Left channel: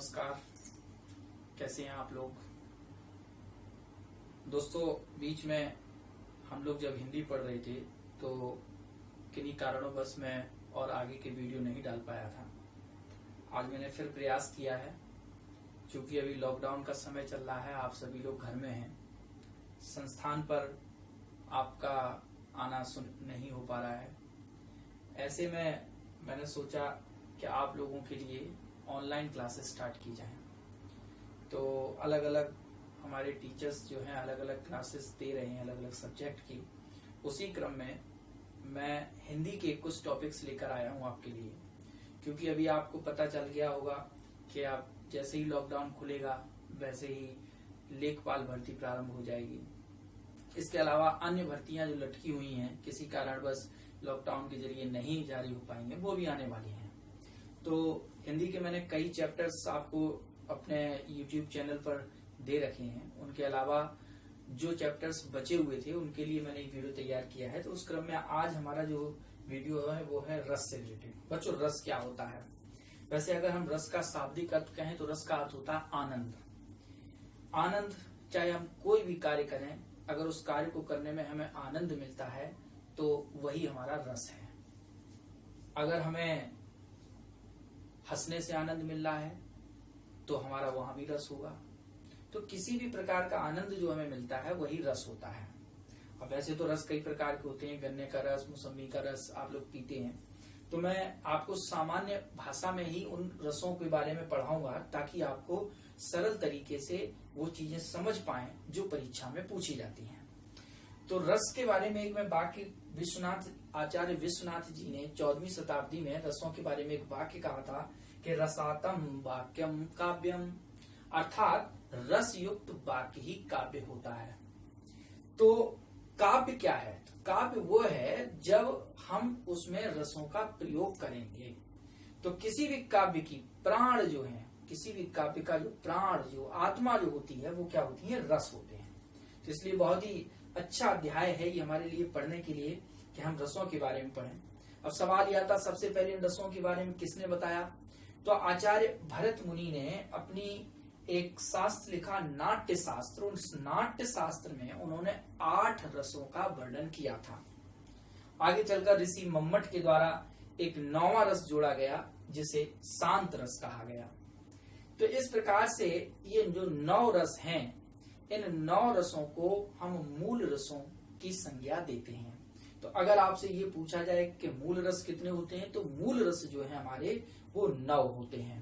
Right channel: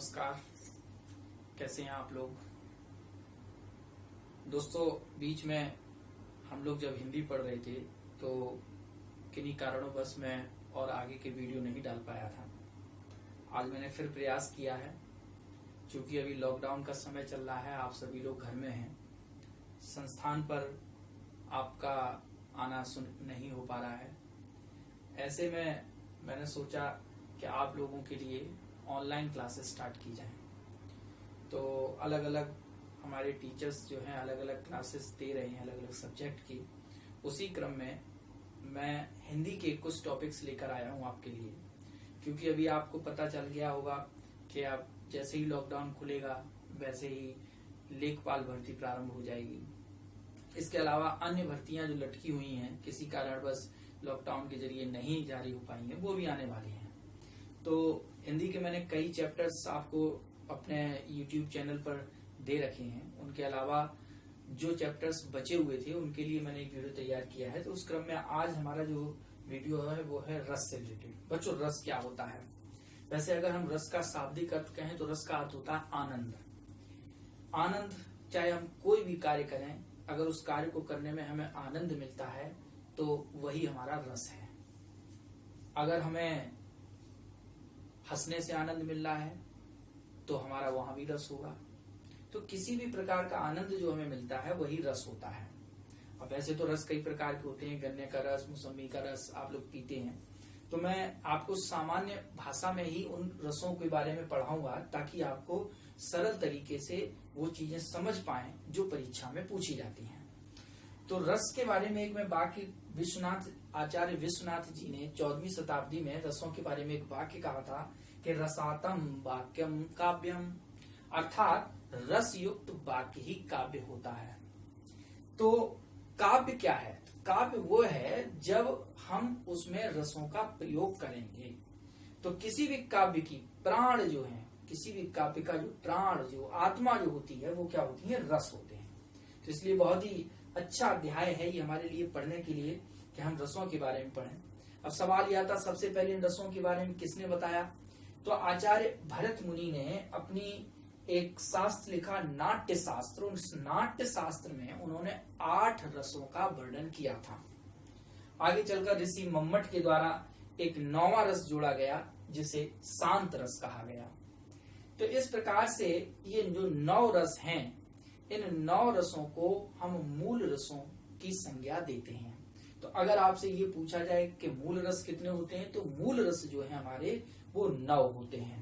नमस्कार। कैसे हैं आप लोग दोस्तों। बीच में हम लोग जब हिंदी पढ़ रहे थे तो किन्हीं कारणों बस मैं और आगे के वीडियो नहीं डाल पाया था। आज मैंने फिर प्रयास किया है, क्योंकि अभी लॉकडाउन का समय चल रहा है, आप सभी लोग घर में हैं, संस्थान पर आपका आना नहीं हो पा रहा है। ऐसे में मैंने सोचा कि आप लोगों के लिए ऑनलाइन क्लासेस स्टार्ट की जाएं। तो अलग अलग हमारे टीचर्स जो हैं अलग अलग क्लासेस दे रहे हैं अलग अलग सब्जेक्ट की। उसी क्रम में मैं हिंदी के कुछ टॉपिक्स लेकर आया हूं आपके लिए, क्योंकि अभी आपको पता चल गया होगा कि आप जैसे ही लॉकडाउन खुलेगा वैसे ही लेखपाल भर्ती प्रारंभ हो जाएगी। इसके अलावा अन्य भर्तियां जो लटकी हुई हैं किसी कारणवश लॉकडाउन के जरिए नहीं जारी हो पाई हैं, वो भी आने वाली हैं। तो हिंदी के मैंने कई चैप्टर्स आपको अपने YouTube चैनल पर दे रखे हैं। उनके अलावा जो चैप्टर्स बचे हुए थे उनके लिए मैंने एक वीडियो तैयार किया है। तो उस क्रम में आज हमारा जो वीडियो है वो है रस से रिलेटेड। बच्चों, रस क्या होता है? वैसे अगर हम रस का शाब्दिक अर्थ कहें तो रस का अर्थ होता है आनंद। आनंद, चाहे हम कोई भी कार्य करें, अगर उस कार्य को करने में हमें आनंद मिलता है तो वही हमारा रस है। अगर हमें हंसने से आनंद मिल रहा है तो हमारा वहां भी रस होगा। तो किसी भी प्रकार का आनंद जो हमें मिलता है वही रस होता है। अब वैसे तो रस कई प्रकार के होते हैं, गन्ने का रस, मौसमी का रस आप लोग पीते हैं। तो मैं आपको सामान्य भाषा में ही उन रसों के बारे में पढ़ाऊंगा, ताकि आपको सरल तरीके से वो चीजें समझ पाएं जो परीक्षा में पूछी जाती हैं। तो रस के बारे में एक मैं वाक्य आचार्य विश्वनाथ जी ने 14वीं शताब्दी में रसों के बारे में एक वाक्य कहा था कि रसातम वाक्यम काव्यम, अर्थात रस युक्त वाक्य ही काव्य होता है। तो काव्य क्या है? काव्य वो है जब हम उसमें रसों का प्रयोग करेंगे। तो किसी भी काव्य की प्राण जो है, किसी भी काव्य का जो प्राण, जो आत्मा जो होती है, वो क्या होती है? रस होते हैं। तो इसलिए बहुत ही अच्छा अध्याय है ये हमारे लिए पढ़ने के लिए कि हम रसों के बारे में पढ़ें। अब सवाल यह आता, सबसे पहले इन रसों के बारे में किसने बताया? तो आचार्य भरत मुनि ने अपनी एक शास्त्र लिखा, नाट्य शास्त्र। उस नाट्य शास्त्र में उन्होंने 8 रसों का वर्णन किया था। आगे चलकर ऋषि मम्मट के द्वारा एक 9वां रस जोड़ा गया, जिसे शांत रस कहा गया। तो इस प्रकार से ये जो 9 रस हैं, इन 9 रसों को हम मूल रसों की संज्ञा देते हैं। तो अगर आपसे ये पूछा जाए कि मूल रस कितने होते हैं, तो मूल रस जो है हमारे वो 9 होते हैं।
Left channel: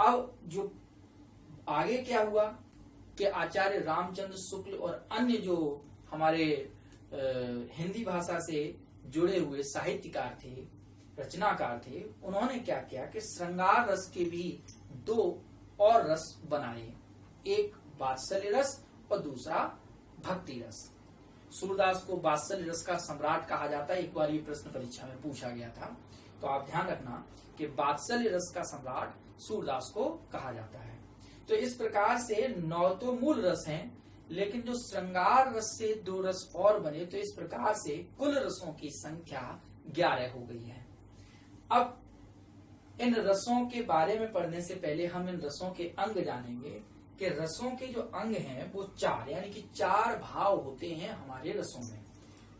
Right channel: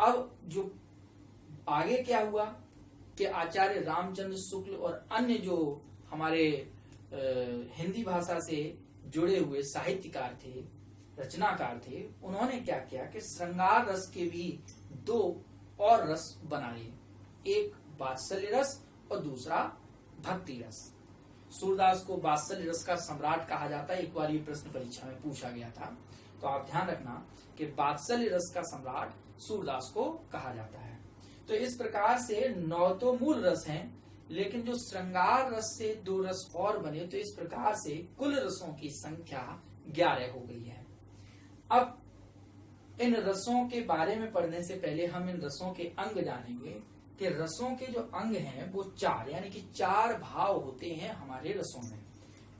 अब जो आगे क्या हुआ कि आचार्य रामचंद्र शुक्ल और अन्य जो हमारे हिंदी भाषा से जुड़े हुए साहित्यकार थे, रचनाकार थे, उन्होंने क्या किया कि श्रृंगार रस के भी 2 और रस बनाए, एक वात्सल्य रस और दूसरा भक्ति रस। सूरदास को वात्सल्य रस का सम्राट कहा जाता है। एक बार ये प्रश्न परीक्षा में पूछा गया था, तो आप ध्यान रखना कि वात्सल्य रस का सम्राट सूरदास को कहा जाता है। तो इस प्रकार से 9 तो मूल रस हैं, लेकिन जो श्रृंगार रस से 2 रस और बने, तो इस प्रकार से कुल रसों की संख्या 11 हो गई है। अब इन रसों के बारे में पढ़ने से पहले हम इन रसों के अंग जानेंगे कि रसों के जो अंग हैं वो 4, यानी कि 4 भाव होते हैं हमारे रसों में।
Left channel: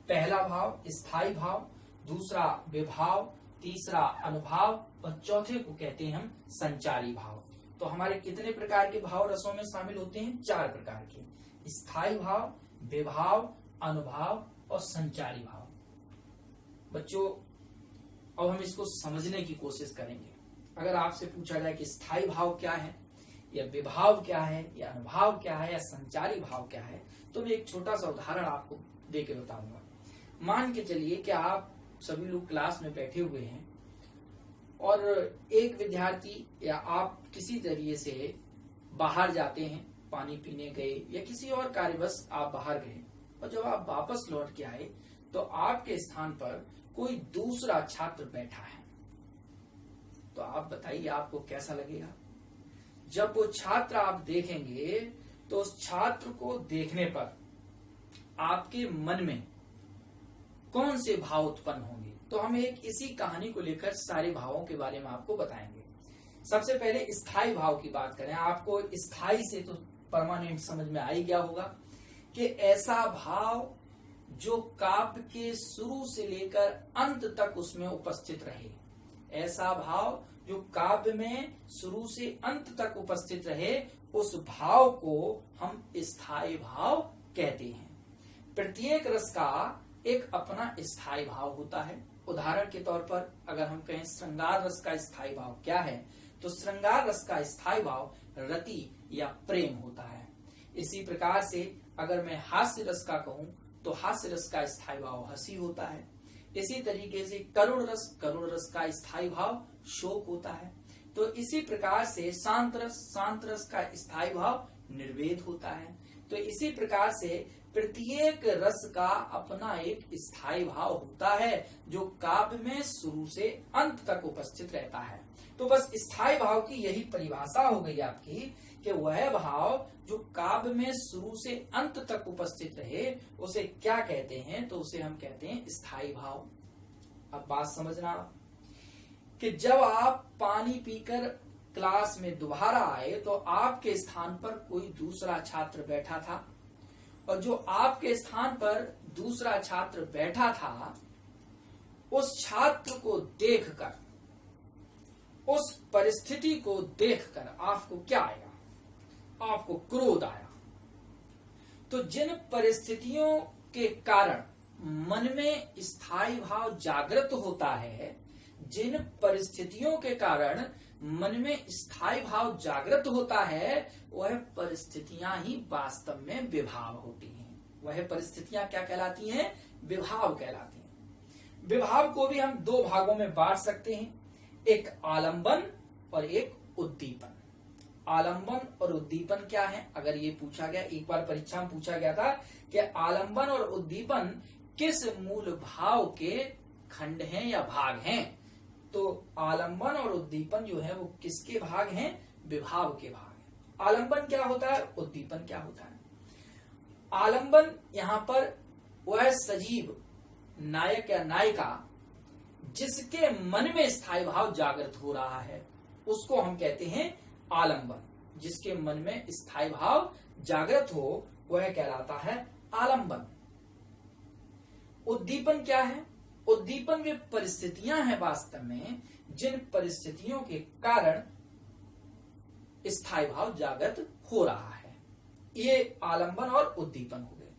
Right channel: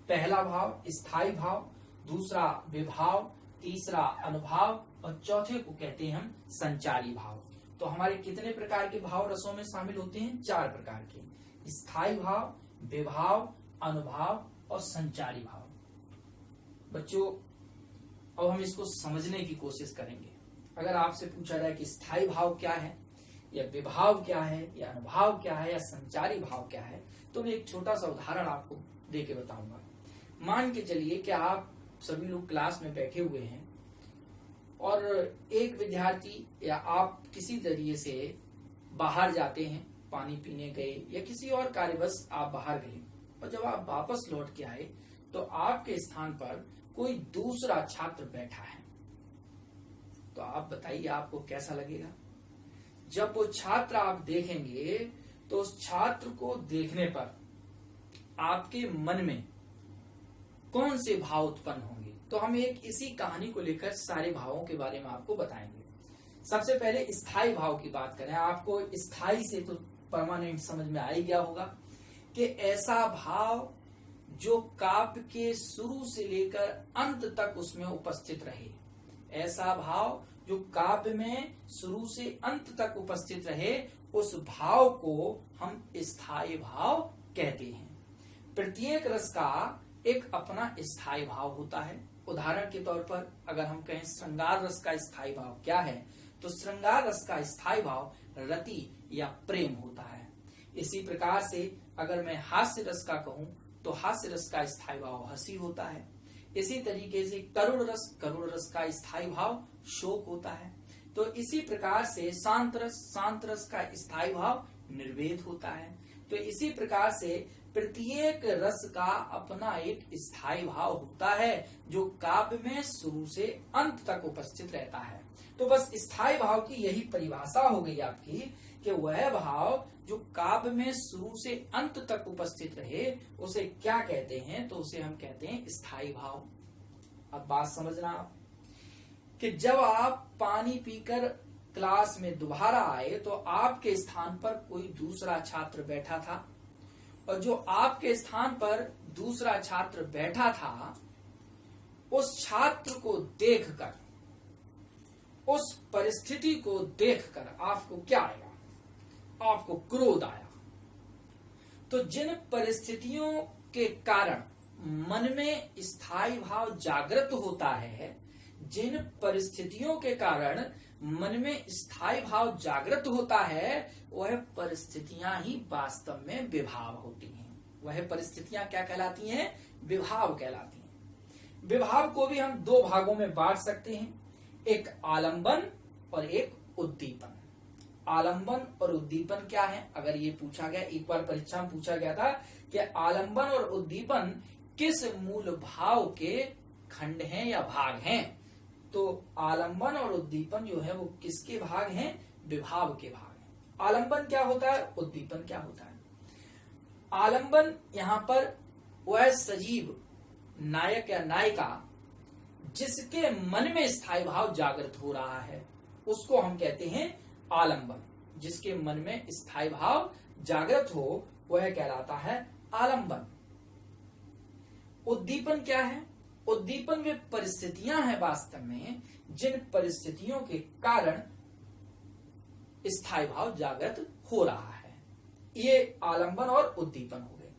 पहला भाव स्थायी भाव, दूसरा विभाव, तीसरा अनुभाव और चौथे को कहते हैं हम संचारी भाव। तो हमारे कितने प्रकार के भाव रसों में शामिल होते हैं? 4 प्रकार के, स्थायी भाव, विभाव, अनुभाव और संचारी भाव। बच्चों, अब हम इसको समझने की कोशिश करेंगे। अगर आपसे पूछा जाए कि स्थायी भाव क्या है, या विभाव क्या है, या अनुभाव क्या है, या संचारी भाव क्या है, तो मैं एक छोटा सा उदाहरण आपको देके बताऊंगा। मान के चलिए कि आप सभी लोग क्लास में बैठे हुए हैं और एक विद्यार्थी या आप किसी तरीके से बाहर जाते हैं, पानी पीने गए या किसी और कार्यवश आप बाहर गए, और जब आप वापस लौट के आए तो आपके स्थान पर कोई दूसरा छात्र बैठा है। तो आप बताइए आपको कैसा लगेगा? जब वो छात्र आप देखेंगे तो उस छात्र को देखने पर आपके मन में कौन से भाव उत्पन्न होंगे? तो हम एक इसी कहानी को लेकर सारे भावों के बारे में आपको बताएंगे। सबसे पहले स्थायी भाव की बात करें। आपको स्थायी से तो परमानेंट समझ में आ ही गया होगा कि ऐसा भाव जो काव्य के शुरू से लेकर अंत तक उसमें उपस्थित रहे। ऐसा भाव जो काव्य में शुरू से अंत तक उपस्थित रहे, उस भाव को हम स्थायी भाव कहते हैं। प्रत्येक रस का एक अपना स्थायी भाव होता है। उदाहरण के तौर पर अगर हम कहें श्रृंगार रस का स्थायी भाव क्या है, तो श्रृंगार रस का स्थायी भाव रति या प्रेम होता है। इसी प्रकार से अगर मैं हास्य रस का कहूं तो हास्य रस का स्थायी भाव हंसी होता है। इसी तरीके से करुण रस का स्थायी भाव शोक होता है। तो इसी प्रकार से शांत रस का स्थायी भाव निर्वेद होता है। तो इसी प्रकार से प्रत्येक रस का अपना एक स्थायी भाव होता है जो काव्य में शुरू से अंत तक उपस्थित रहता है। तो बस स्थायी भाव की यही परिभाषा हो गई आपकी कि वह भाव जो काव्य में शुरू से अंत तक उपस्थित रहे उसे क्या कहते हैं, तो उसे हम कहते हैं स्थायी भाव। अब बात समझना कि जब आप पानी पीकर क्लास में दोबारा आए तो आपके स्थान पर कोई दूसरा छात्र बैठा था, और जो आपके स्थान पर दूसरा छात्र बैठा था उस छात्र को देखकर, उस परिस्थिति को देखकर आपको क्या आया? आपको क्रोध आया। तो जिन परिस्थितियों के कारण मन में स्थायी भाव जागृत होता है, जिन परिस्थितियों के कारण मन में स्थायी भाव जागृत होता है, वह परिस्थितियां ही वास्तव में विभाव होती हैं। वह परिस्थितियां क्या कहलाती हैं? विभाव कहलाती हैं। विभाव को भी हम दो भागों में बांट सकते हैं, एक आलंबन और एक उद्दीपन। आलंबन और उद्दीपन क्या है? अगर ये पूछा गया, एक बार परीक्षा में पूछा गया था कि आलंबन और उद्दीपन किस मूल भाव के खंड हैं या भाग हैं, तो आलंबन और उद्दीपन जो है वो किसके भाग हैं? विभाव के भाग हैं। आलंबन क्या होता है? उद्दीपन क्या होता है? आलंबन यहाँ पर वह सजीव नायक या नायिका जिसके मन में स्थायी भाव जागृत हो रहा है उसको हम कहते हैं आलंबन। जिसके मन में स्थायी भाव जागृत हो वह कहलाता है आलंबन। उद्दीपन क्या है? उद्दीपन वे परिस्थितियां हैं वास्तव में जिन परिस्थितियों के कारण स्थायी भाव जागृत हो रहा है। ये आलंबन और उद्दीपन हो गए।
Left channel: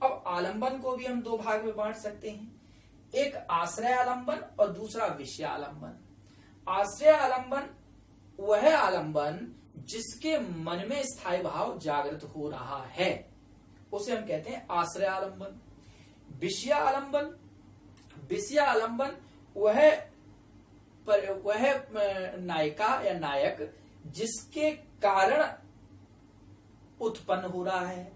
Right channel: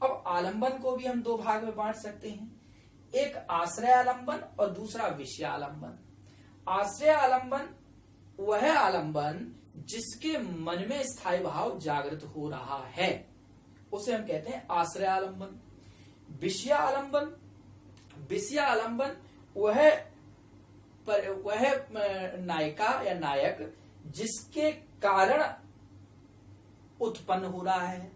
अब आलंबन को भी हम दो भाग में बांट सकते हैं, एक आश्रय आलंबन और दूसरा विषय आलंबन। आश्रय आलंबन वह आलंबन जिसके मन में स्थायी भाव जागृत हो रहा है उसे हम कहते हैं आश्रय आलंबन। विषय आलंबन, विषय आलंबन वह नायिका या नायक जिसके कारण उत्पन्न हो रहा है।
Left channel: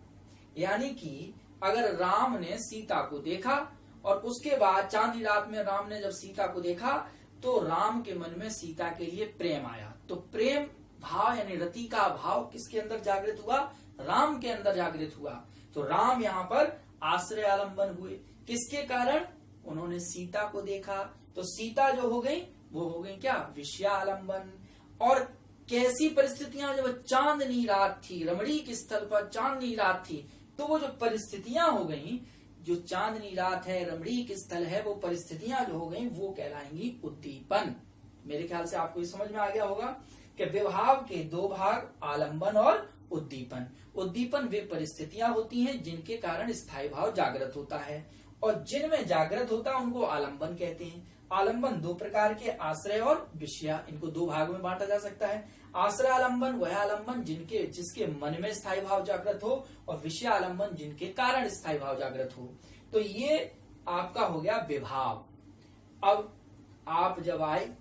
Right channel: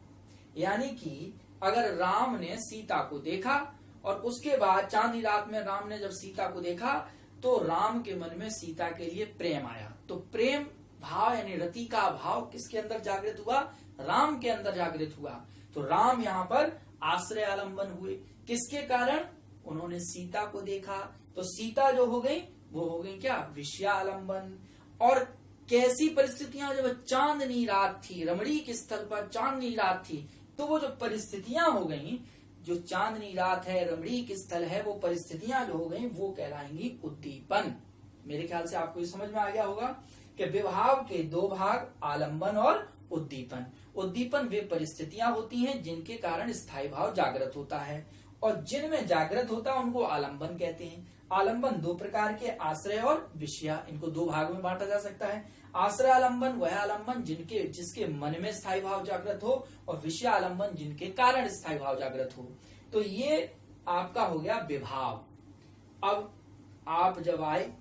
यानी कि अगर राम ने सीता को देखा और उसके बाद चांदी रात में राम ने जब सीता को देखा तो राम के मन में सीता के लिए प्रेम आया, तो प्रेम भाव यानी रति का भाव किसके अंदर जागृत हुआ? राम के अंदर जागृत हुआ। तो राम यहाँ पर आश्रय आलंबन हुए। किसके कारण? उन्होंने सीता को देखा, तो सीता जो हो गई वो हो गई क्या? विषय आलंबन। और कैसी परिस्थितियां? जब चांदनी रात थी, रमणीक स्थल पर चांदनी रात थी, तो वो जो परिस्थितियां हो गई, जो चांदनी रात है, रमणीक स्थल है, वो परिस्थितियां जो हो गई वो कहलाएंगी उद्दीपन। मेरे ख्याल से आपको ये समझ में आ गया होगा कि विभाव के दो भाग, आलंबन और उद्दीपन। उद्दीपन वे परिस्थितियां होती हैं जिनके कारण स्थायी भाव जागृत होता है, और जिनमें जागृत होता है उनको आलंबन कहते हैं। आलंबन दो प्रकार के, आश्रय और विषय, इनको दो भागों में बांटा जा सकता है। आश्रय आलंबन वह आलंबन जिसके मन में स्थायी भाव जागृत हो, और विषय आलंबन जिनके कारण स्थायी भाव जागृत हो। तो ये आपका हो गया विभाव। अब आप जब आए,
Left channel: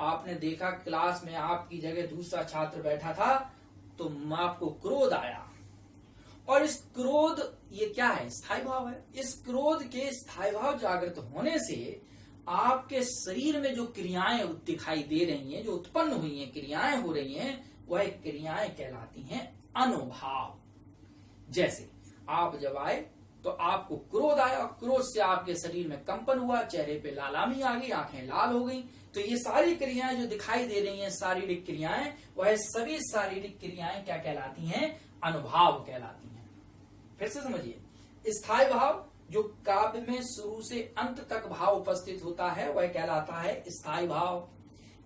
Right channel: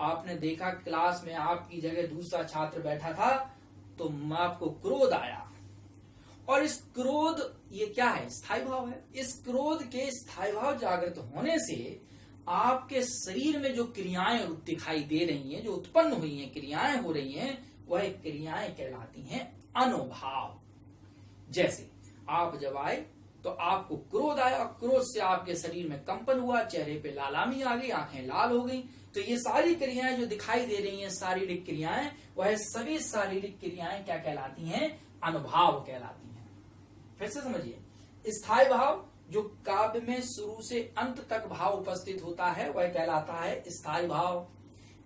आपने देखा क्लास में आपकी जगह दूसरा छात्र बैठा था, तो आपको क्रोध आया, और इस क्रोध, ये क्या है? स्थायी भाव है। इस क्रोध के स्थायी भाव जागृत होने से आपके शरीर में जो क्रियाएं दिखाई दे रही हैं, जो उत्पन्न हुई हैं, क्रियाएं हो रही हैं, वह क्रियाएं कहलाती हैं अनुभाव। जैसे आप जब आए तो आपको क्रोध आया, क्रोध से आपके शरीर में कंपन हुआ, चेहरे पे लालामी आ गई, आंखें लाल हो गई। तो ये सारी क्रियाएं जो दिखाई दे रही हैं, शारीरिक क्रियाएं, वह सभी शारीरिक क्रियाएं क्या कहलाती हैं? अनुभव कहलाती हैं। फिर से समझिए, स्थायी भाव जो काव्य में शुरू से अंत तक भाव उपस्थित होता है वह कहलाता है स्थायी भाव।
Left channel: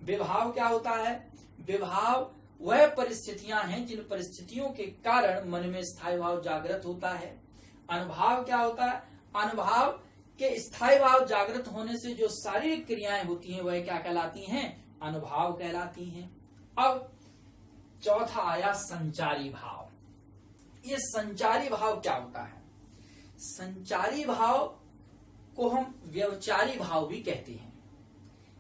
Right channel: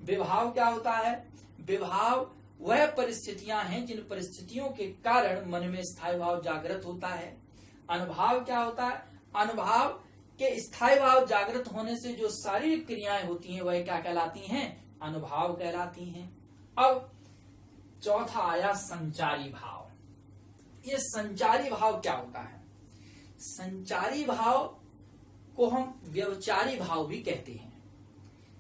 विभाव क्या होता है? विभाव वह परिस्थितियां हैं जिन परिस्थितियों के कारण मन में स्थायी भाव जागृत होता है। अनुभाव क्या होता है? अनुभाव के स्थायी भाव जागृत होने से जो शारीरिक क्रियाएं होती हैं वह क्या कहलाती हैं? अनुभाव कहलाती हैं। अब चौथा आया संचारी भाव। ये संचारी भाव क्या होता है? संचारी भाव को हम व्यवचारी भाव भी कहते हैं।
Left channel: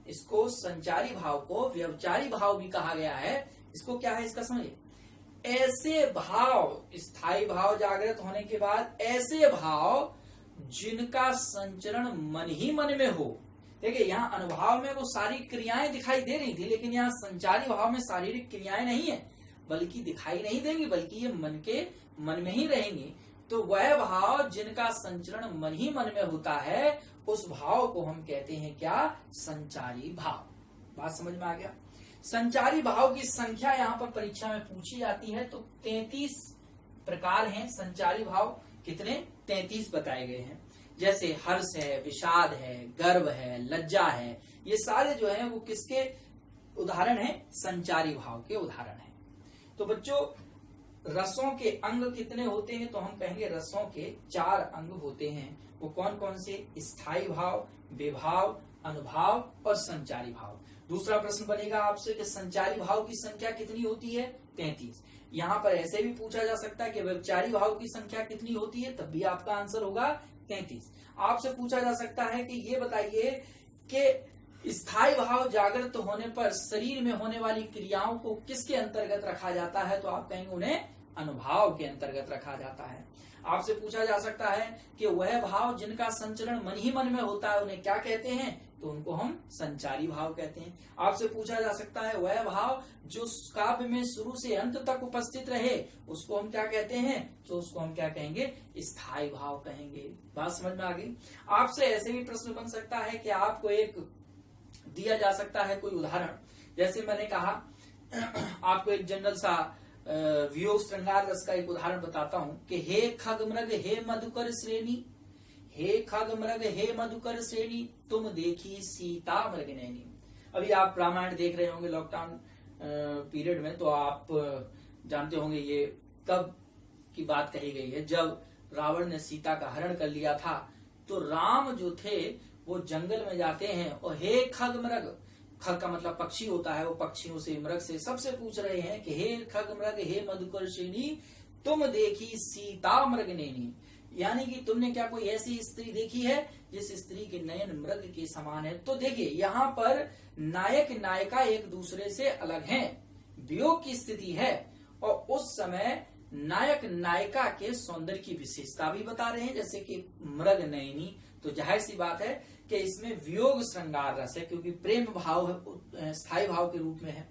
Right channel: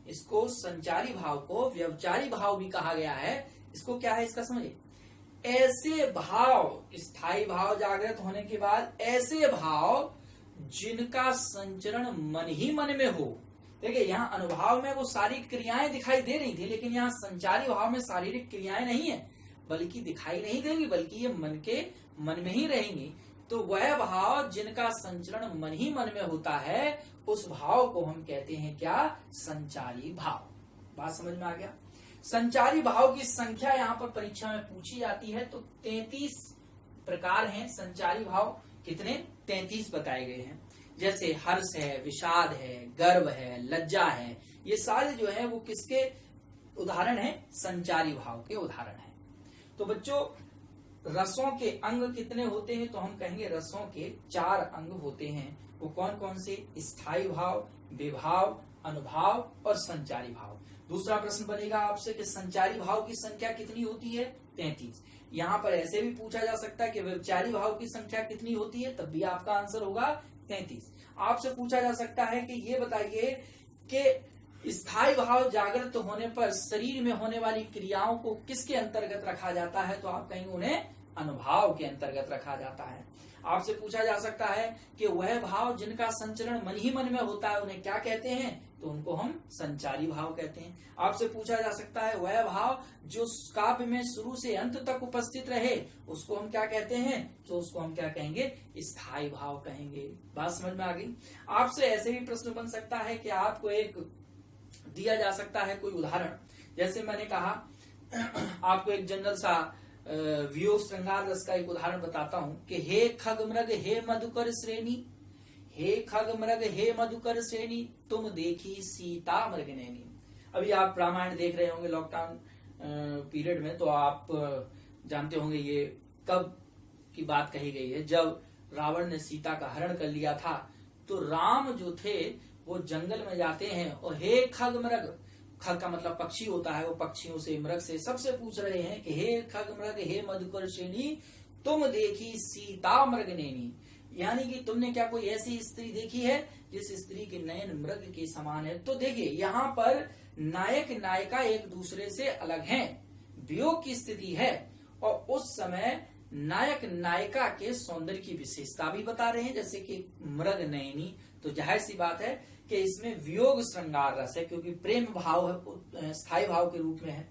इसको संचारी भाव को व्यवचारी भाव भी कहा गया है। इसको क्या है इसका समझिए, ऐसे भाव, स्थायी भाव जागृत होने के बाद ऐसे भाव जिनका संचरण मन ही मन में हो। देखिए, यहाँ अनुभाव में वो सारी क्रियाएं दिखाई दे रही थी, लेकिन यहाँ संचारी भाव में शारीरिक क्रियाएं नहीं है, बल्कि दिखाई नहीं देंगी, बल्कि ये मन के मन में ही रहेंगी। तो वह भाव जिनका संचरण मन ही मन में होता है, उस भाव को हम कहते हैं क्या? संचारी भाव। बात समझ में आ गया? संचारी भाव की संख्या यहाँ पर परीक्षा में पूछी जाती है, तो 33 प्रकार हैं संचारी भाव। कितने? 33 बताए गए हैं। जैसे हर्ष है, विषाद है, गर्व है, लज्जा है, ये सारे जो है वो किसके उदाहरण हैं? संचारी भाव के उदाहरण हैं। तो बच्चों, रसों के अंग कितने होते हैं? तो हम कहेंगे रसों के 4 अंग होते हैं। वो कौन कौन से? स्थायी भाव, विभाव, अनुभाव और संचारी भाव। दूसरा प्रश्न बनेगा आपसे कि संचारी भाव की संख्या कितनी होती है? 33। यहाँ पर ऐसे भी पूछा जा सकता है कि व्यवचारी भाव की संख्या कितनी होती है, तब भी आपका आंसर होगा 33। आपसे पूछा जा सकता है कि ये बताइए कि स्थायी भाव जागृत होने पर शरीर में होने वाली क्रियाओं को किसके अंतर्गत रखा जाता है? तो आप कहेंगे उन्हें अनुभाव के अंतर्गत रखा जाता है। आपसे पूछा जा सकता है कि वह भाव जिनका संचरण मन ही मन में होता है उन्हें क्या कहते हैं? तो उनको हम संचारी भाव कहते हैं। आपसे पूछा जा सकता है वह भाव जो काव्य में शुरू से अंत तक उपस्थित रहे, उसको हम क्या कहते हैं? तो उसको हम क्या कहेंगे? स्थायी भाव कहेंगे। बात समझ में आ गई? आपसे ऐसे भी प्रश्न बन सकता है कि आपको एक दिया जा सकता है कोई उदाहरण। जैसे मैंने कहा, आपको एक जनरल सा वियोग श्रृंगार रस का एक उदाहरण बताता हूं कि हे खग मृग हे मधुकर श्रेणी, हे खग मृग हे मधुकर श्रेणी, तुम देखी सीता मृग नैनी। अभी आप रामायण देख रहे होंगे लॉकडाउन पीरियड में, तो आप जानते होंगे ये कब की बात कही गई है। जब रावण ने सीता का हरण कर लिया था, तो राम जो थे वो जंगल में जाते हैं और हे खग मृग, खग का मतलब पक्षी होता है, वो पक्षियों से, मृग से सबसे पूछ रहे हैं कि हे खग मृग हे मधुकर श्रेणी, तुम देखी सीता मृग नैनी, यानी कि तुमने क्या कोई ऐसी स्त्री देखी है जिस स्त्री के नयन मृग के समान है। तो देखिए, यहाँ पर नायक नायिका एक दूसरे से अलग हैं, वियोग की स्थिति है, और उस समय नायक नायिका के सौंदर्य की विशेषता भी बता रहे हैं, जैसे कि मृग नयनी। तो जाहिर सी बात है कि इसमें वियोग श्रृंगार रस है, क्योंकि प्रेम भाव है, स्थायी भाव के रूप में है।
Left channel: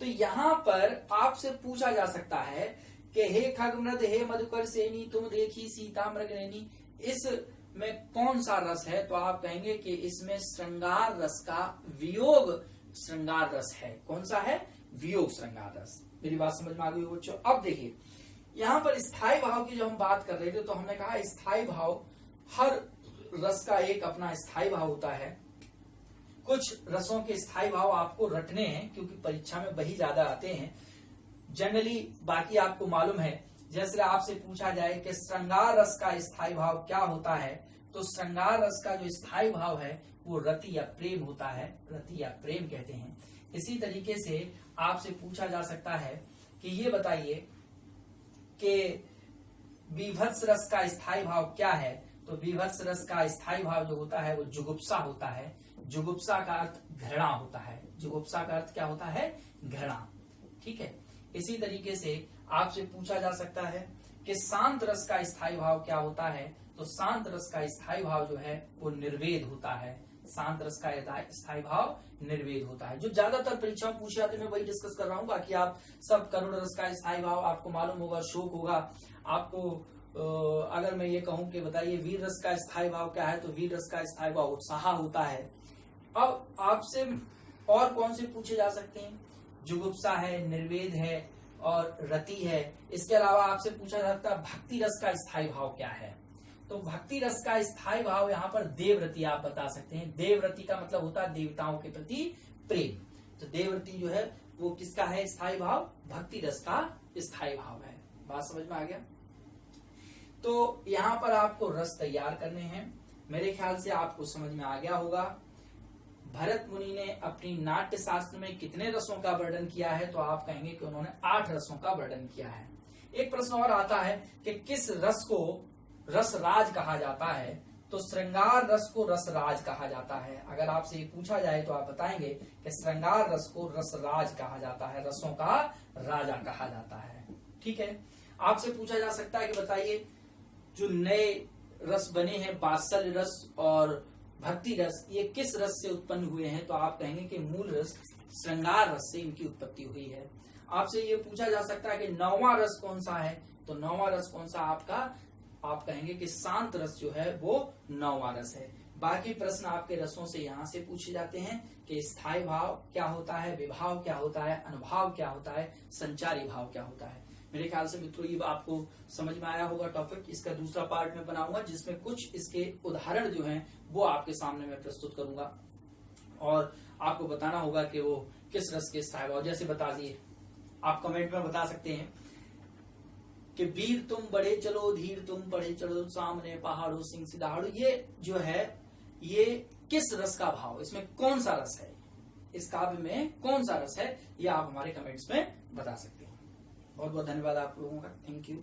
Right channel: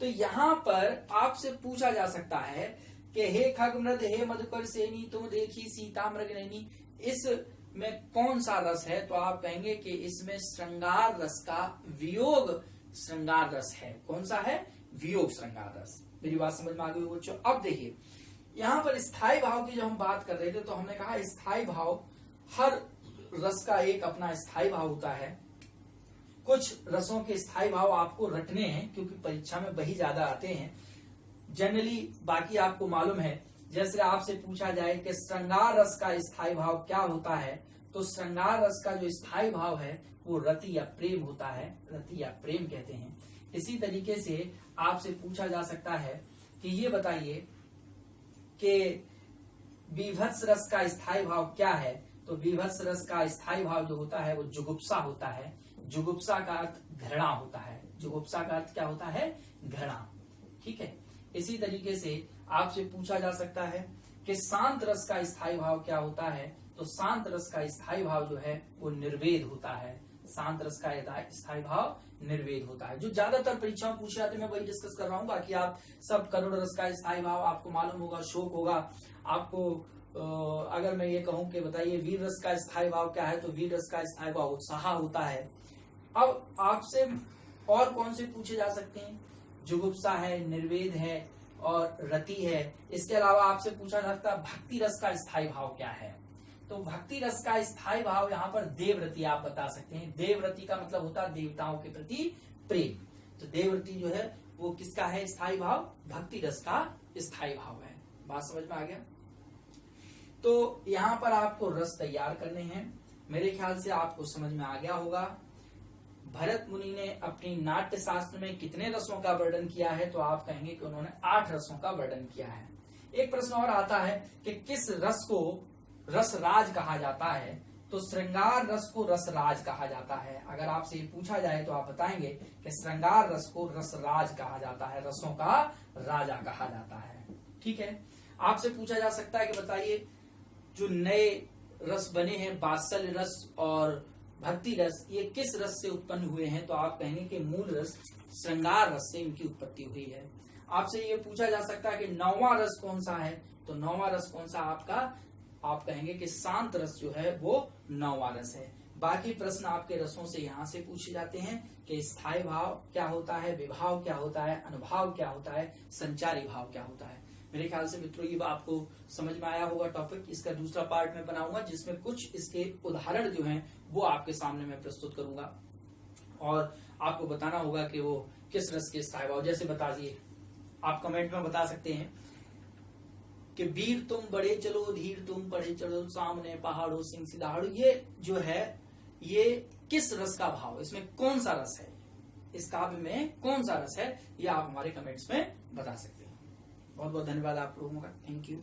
तो यहाँ पर आपसे पूछा जा सकता है कि हे खग मृग हे मधुकर श्रेणी, तुम देखी सीता मृग नैनी, इसमें कौन सा रस है? तो आप कहेंगे कि इसमें श्रृंगार रस का वियोग श्रृंगार रस है। कौन सा है? वियोग श्रृंगार रस। मेरी बात समझ में आ गई बच्चों? अब देखिए, यहाँ पर स्थायी भाव की जब हम बात कर रहे थे, तो हमने कहा स्थायी भाव, हर रस का एक अपना स्थायी भाव होता है। कुछ रसों के स्थायी भाव आपको रटने हैं, क्योंकि परीक्षा में वही ज्यादा आते हैं जनरली, बाकी आपको मालूम है। जैसे आपसे पूछा जाए कि श्रृंगार रस का स्थायी भाव क्या होता है, तो श्रृंगार रस का जो स्थायी भाव है वो रति या प्रेम होता है, रति या प्रेम कहते हैं। इसी तरीके से आपसे पूछा जा सकता है कि ये बताइए कि बीभत्स रस का स्थायी भाव क्या है? तो बीभत्स रस का स्थायी भाव जो होता है वो जुगुप्सा होता है। जुगुप्सा का अर्थ घृणा होता है। जुगुप्सा का अर्थ क्या होता है? घृणा। ठीक है। इसी तरीके से आपसे पूछा जा सकता है कि शांत रस का स्थायी भाव क्या होता है? तो शांत रस का स्थायी भाव जो है वो निर्वेद होता है। शांत रस का स्थायी भाव निर्वेद होता है। जो ज्यादातर परीक्षा में पूछे जाते हैं मैं वही डिस्कस कर रहा हूँ। बाकी आप सब करुण रस का स्थायी भाव आपको मालूम होगा, शोक होगा, आपको अगर मैं ये कहूं कि बताइए वीर रस का स्थायी भाव क्या है, तो वीर रस का स्थायी भाव उत्साह होता है। अब आपसे और कौन से पूछे जा सकते हैं, जुगुप्सा है, निर्वेद है और रति है। इसके अलावा आपसे पूछा जा सकता है भक्ति रस का स्थायी भाव क्या है, तो भक्ति रस का स्थायी भाव यहाँ पर देवरति आप बता सकते हैं। देवरति का मतलब होता है देवताओं के प्रति प्रेम, तो देवरति जो है वो किसका है स्थायी भाव, भक्ति रस का स्थायी भाव है। बात समझ में आ गया। तो यहाँ पर आपको रस तैयार करने हैं, मेरे ख्याल से आपको समझ में आ गया होगा। भरत मुनि ने अपनी नाट्य शास्त्र में कितने रसों का वर्णन किया है, तो आप कहेंगे कि उन्होंने 8 रसों का वर्णन किया है। एक प्रश्न और आता है कि किस रस को रसराज कहा जाता है, तो श्रृंगार रस को रसराज कहा जाता है। अगर आपसे ये पूछा जाए तो आप बताएंगे कि श्रृंगार रस को रसराज कहा जाता है, रसों का राजा कहा जाता है। ठीक है। आपसे पूछा जा सकता है कि बताइए जो नए रस बने हैं वात्सल्य रस और भक्ति रस, ये किस रस से उत्पन्न हुए हैं, तो आप कहेंगे कि मूल रस श्रृंगार रस से इनकी उत्पत्ति हुई है। आपसे ये पूछा जा सकता है कि 9वां रस कौन सा है, तो 9वां रस कौन सा आपका, आप कहेंगे कि शांत रस जो है वो 9वां रस है। बाकी प्रश्न आपके रसों से यहाँ से पूछे जाते हैं कि स्थायी भाव क्या होता है, विभाव क्या होता है, अनुभाव क्या होता है, संचारी भाव क्या होता है। मेरे ख्याल से मित्रों ये आपको समझ में आया होगा टॉपिक। इसका दूसरा पार्ट में बनाऊंगा जिसमें कुछ इसके उदाहरण जो हैं वो आपके सामने मैं प्रस्तुत करूंगा और आपको बताना होगा कि वो किस रस के स्थायी भाव। जैसे बता दिए, आप कमेंट में बता सकते हैं कि वीर तुम बढ़े चलो, धीर तुम पढ़े चलो, सामने पहाड़ों सिंह सिदाड़ो, ये जो है ये किस रस का भाव, इसमें कौन सा रस है, इस काव्य में कौन सा रस है, ये आप हमारे कमेंट्स में बता सकते हैं। बहुत बहुत धन्यवाद आप लोगों का। Thank you.